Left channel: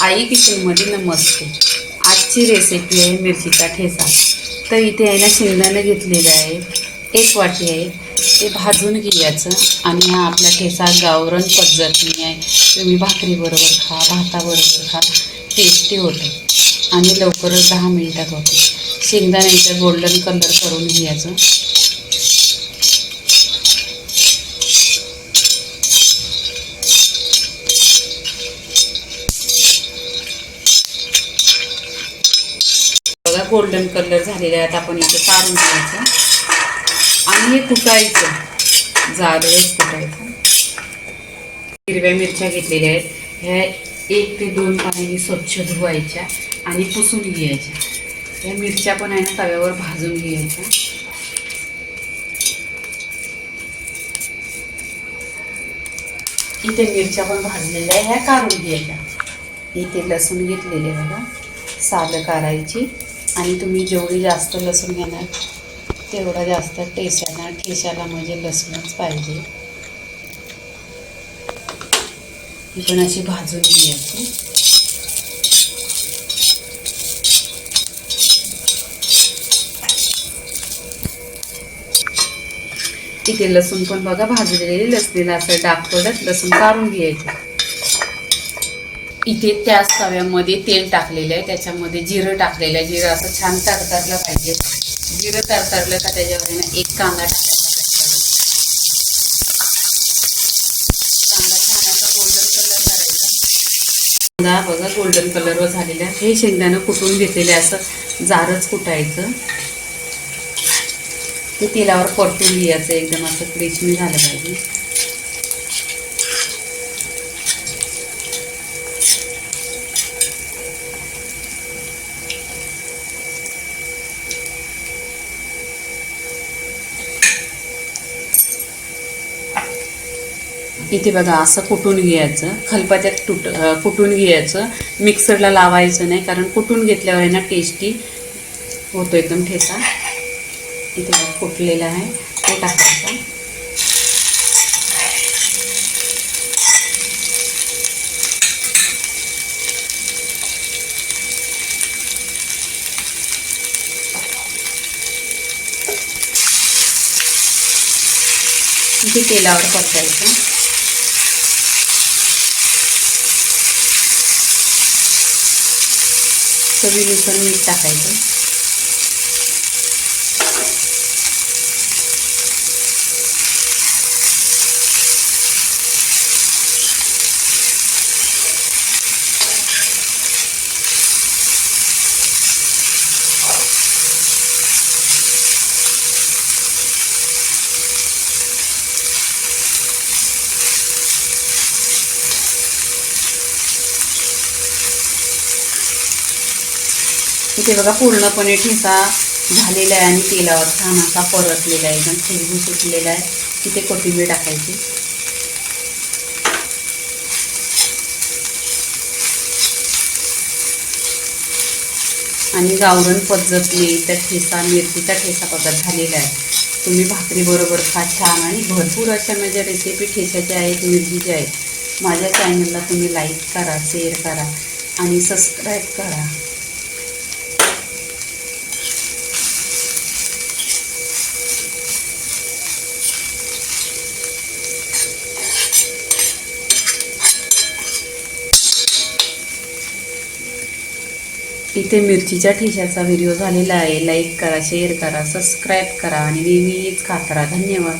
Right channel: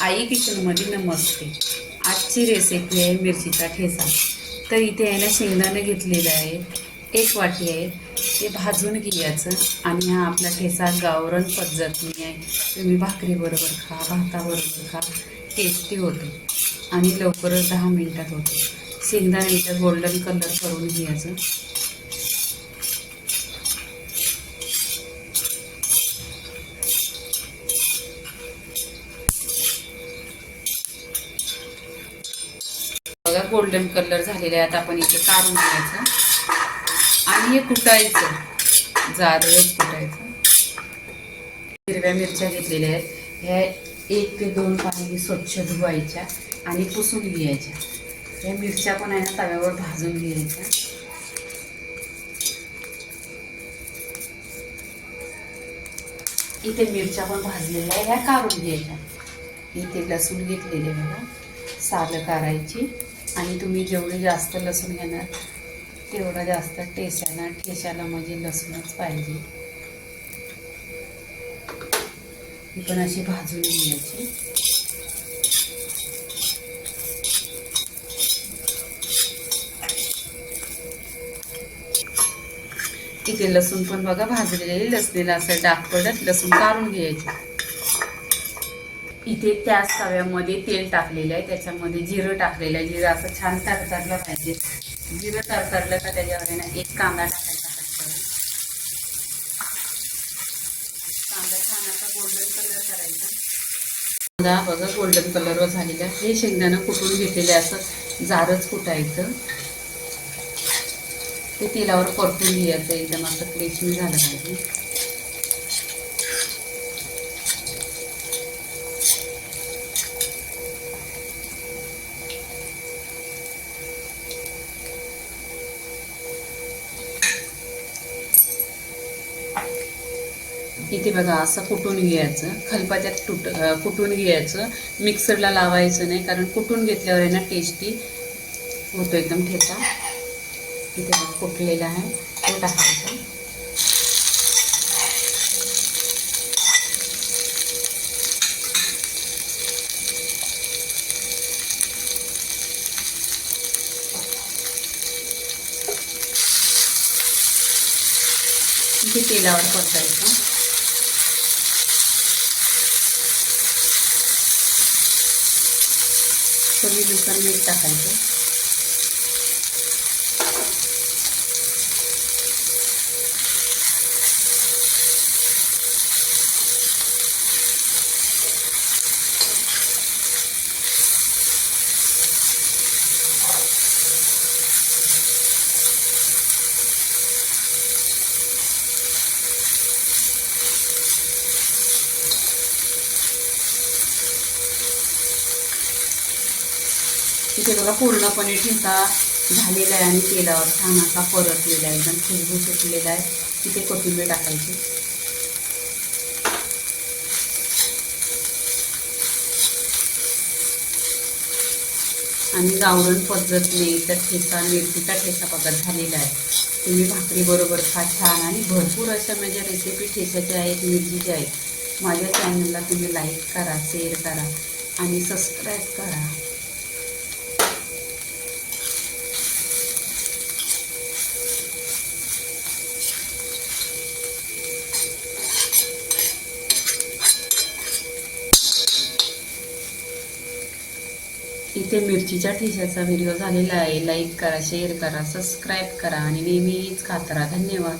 आई किचनमध्ये नमस्ते आजची रेसिपी आहे मिरचीचा ठेचा. तर इथे आहे ना शेंगदाणं घेतलेलं आहे. एक वाटी आहे. ते भाजून घ्यायचं आणि हा आपला ठेचा गावरण पद्धतीने आहे. तुम्ही भाकरीबरोबर खा भाताबरोबर खा. टेस्टी होतं. आणि लवकरच दहा मिनिटात होते. शेंगदाणा इथं गोल्डन कलर करून घ्यायचं. गोल्डन कलर झालेले आहेत. आपण इथे काढून घ्यायचं. आणि हे कुटायचं जाडच कुटायचं हिरव्या मिरच्या घेतलेल्या आहेत. ह्या एक ते दोन पाण्याने स्वच्छ धुवायच्या आणि पुसून घ्यायच्या. ह्या मिरच्या पण आहे ना तव्यावर भाजून घ्यायच्या. इथे मिरच्या पण भाजलेल्या आहे ह्या काढून घ्यायच्या. इथे लसूण घेतलेले बघा. सालं काढायची. आणि तुम्ही जेवढी जास्त लसूण घेणार तेवढा जास्त टेस्ट येणार. ठेशाला म्हणजे लसूणच पाहिजे. ही पण अशी भाजून घ्यायची इथे. लसूण पण बघा भाजलेली लसणीला असं डाग पडत लसूण काढून घ्यायचं. इथे त्याच तव्यामध्ये तेल टाकलेलं आहे. त्याच्यामध्ये जिरं टाकलेलं आहे. जिरं असं छान तरतरलं पाहिजे. जिरं तरतरलं का त्याच्यावर ना एक कांदा टाकायचा त्याच्यावर. कांदा छान असा गोल्डन कलर करायचा. कांदा बघा गोल्डन कलरवर झालेला आहे. हे शेंगदाणं कुटून घेतलेलं असं जारच कुटायचं. ते तेलावर परतून घ्यायचं. एकदम असं क्रिचमी झालं पाहिजे. इथे बघा असं कुटून घ्यायचं? खलपात्यात तुट अं, कुटून घ्यायचं? मिक्सरला लावायचं नाही कारण कुटून घेतल्यावर आहे ना टेस्टी होतो एकदम ठेचा. इथे बघा कुटलेला आहे. तो टाकायचा इथे तेलावर परतायचं. चवीनुसार मीठ टाकायचं. इथे बघा पूर्णपणे ठेचा झालेला आहे आणि तेलावर छान असा परतलेला आहे. एकदम खुशबू सुटलेला आहे. तिथे कोथिंबीर टाकायची. आणि गावरण पद्धतीने त्या ठेचा मिरचीचा ठेचा पद्धत झालेला आहे. तुम्ही भाकरीबरोबर खा छान आणि भरपूर अशा माझ्या रेसिपी ठेच्याच्या आहेत मिरचीच्या आहेत माझ्या चॅनलला तुम्ही लाईक करा शेअर करा आणि सबस्क्राईब करा. इथे मिरचीच्या ठेच्याचा व्हिडिओ झालेला आहे. लाईक करा शेअर करा सबस्क्राईब करा आणि नेहमीच खात राहा. धन्यवाद.